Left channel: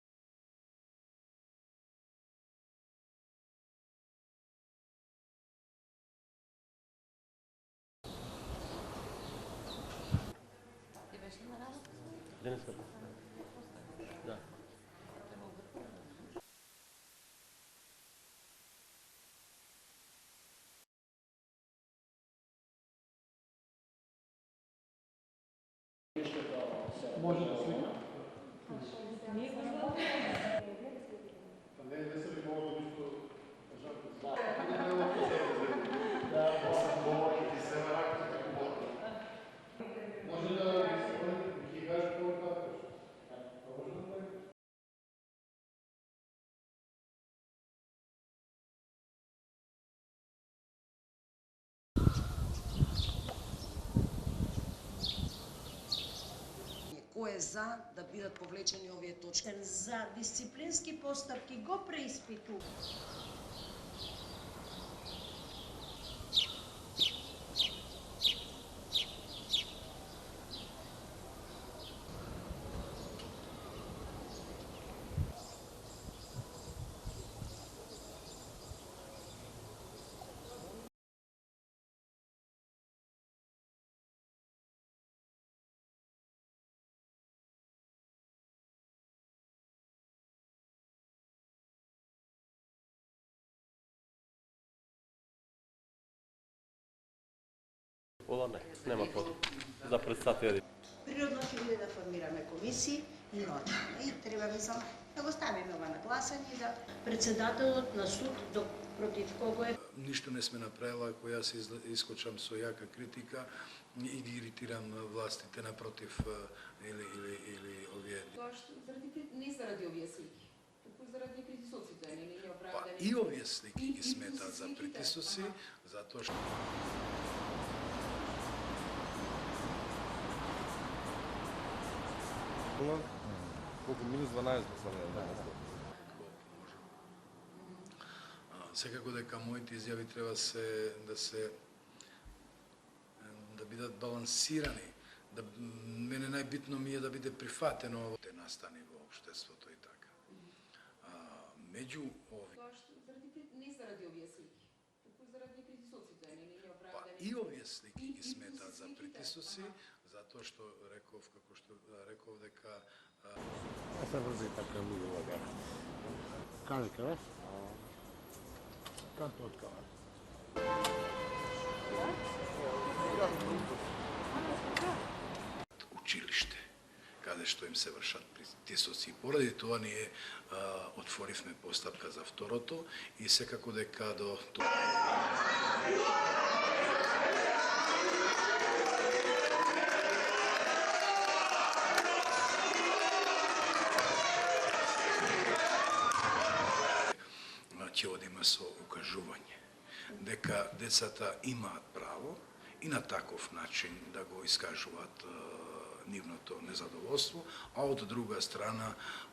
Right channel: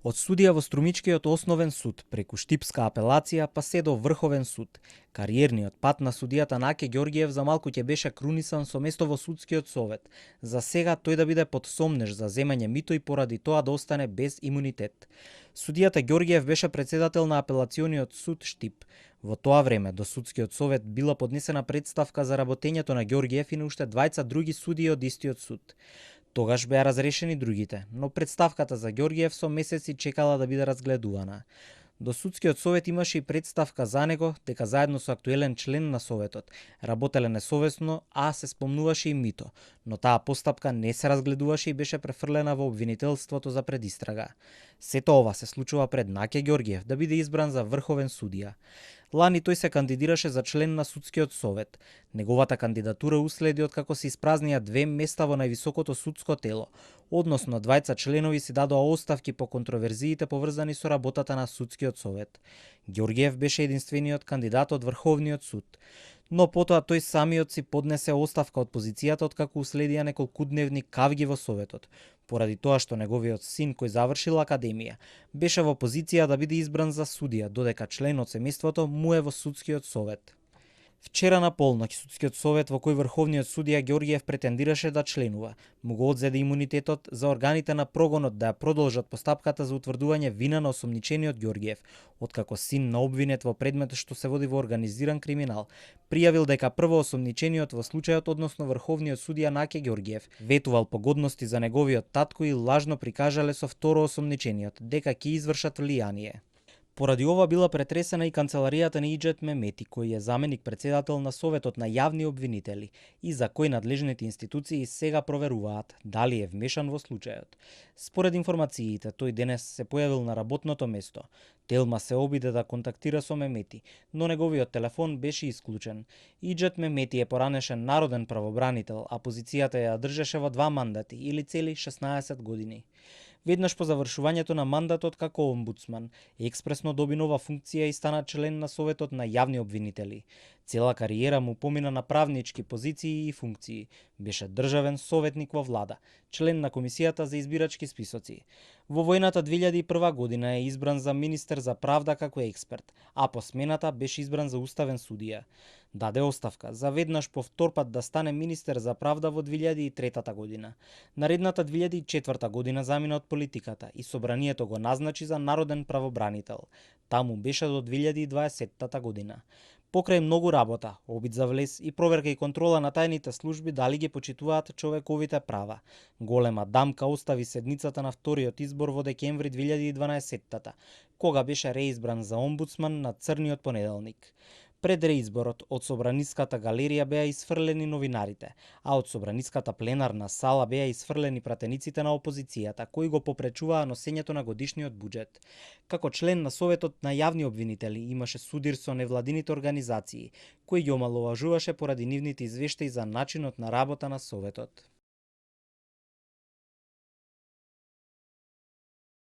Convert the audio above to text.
Од судија во Струмичкиот основен суд, преку Штипска апелација, па се до Врховен суд. Кариерниот пат на судијата Наке Ѓоргиев за малку ќе беше крунисан со место во судскиот совет. За сега тој да биде под сомнеж за земање мито и поради тоа да остане без имунитет. Судијата Ѓоргиев беше председател на апелациониот суд Штип. Во тоа време до судскиот совет била поднесена представка за работењето на Ѓоргиев и на уште двајца други судии од истиот суд. Тогаш беа разрешени другите, но представката за Ѓоргиев со месеци чекала да биде разгледувана. До судскиот совет имаше и представка за него, дека заедно со актуелен член на советот работеле несовесно, а се спомнуваше и мито, но таа постапка не се разгледуваше и беше префрлена во обвинителството за предистрага. Сето ова се случува пред Наке Ѓоргиев да биде избран за врховен судија. Лани тој се кандидираше за член на судскиот совет. Неговата кандидатура уследи откако се испразнија 2 места во највисокото судско тело. Односно, двајца членови си дадоа оставки по контроверзиите поврзани со работата на судскиот совет. Ѓоргиев беше единствениот кандидат од Врховниот суд. Но потоа тој самиот си поднесе оставка од позицијата откако уследија неколкудневни кавги во советот, поради тоа што неговиот син, кој завршил академија, беше во позиција да биде избран за судија, додека член од семејството му е во судскиот совет. Вчера на полноќ судскиот совет во кој врховниот судија Ѓоргиев претендираше да членува, му го одзеде имунитетот за органите на прогонот да ја продолжат постапката за утврдување вина на осомничениот Ѓоргиев, откако син на обвинет во предмет што се води во организиран криминал, пријавил дека прво осомничениот во случајот, односно врховниот судија Наке Ѓоргиев, ветувал погодности за неговиот татко и лажно прикажале со второ осомничениот дека ќе извршат влијание. Поради ова била претресена и канцеларијата на Иџет Мемети, кој е заменик председател на Советот на јавни обвинители и за кој надлежните институции сега проверуваат дали е вмешан во случајот. Според информациите, тој денес се појавил на работното место. Телма се обиде да контактира со Мемети, но неговиот телефон беше исклучен. Иџет Мемети е поранешен народен правобранител, а позицијата ја држеше во 2 мандати или цели 16 години. Веднаш по завршувањето на мандатот како омбудсман, експресно доби нова функција и стана член на Советот на јавни обвинители. Цела кариера му помина на правнички позиции и функции. Беше државен советник во влада, член на Комисијата за избирачки списоци. Во војната 2001 година е избран за министер за правда како експерт, а по смената беше избран за уставен судија. Даде оставка за веднаш по втор пат да стане министер за правда во 2003 година. Наредната 2004 година замина од политиката и собранието го назначи за народен правобранител. Таму беше до 2020 година. Покрај многу работа, обид за влез и проверка и контрола на тајните служби дали ги почитуваат човековите права. Голема дамка остави седмицата на вториот избор во декември 2012 кога беше реизбран за омбудсман на црниот понеделник. Пред реизборот од Собраниската галерија беа изфрлени новинарите, а од Собраниската пленарна сала беа изфрлени пратениците на опозицијата, кои го попречуваа носењето на годишниот будžет. Како член на Советот на јавни обвинители имаше судир со невладините организации, кои ги омаловажуваше поради нивните извештаи за начинот на работа на Советот. А од друга страна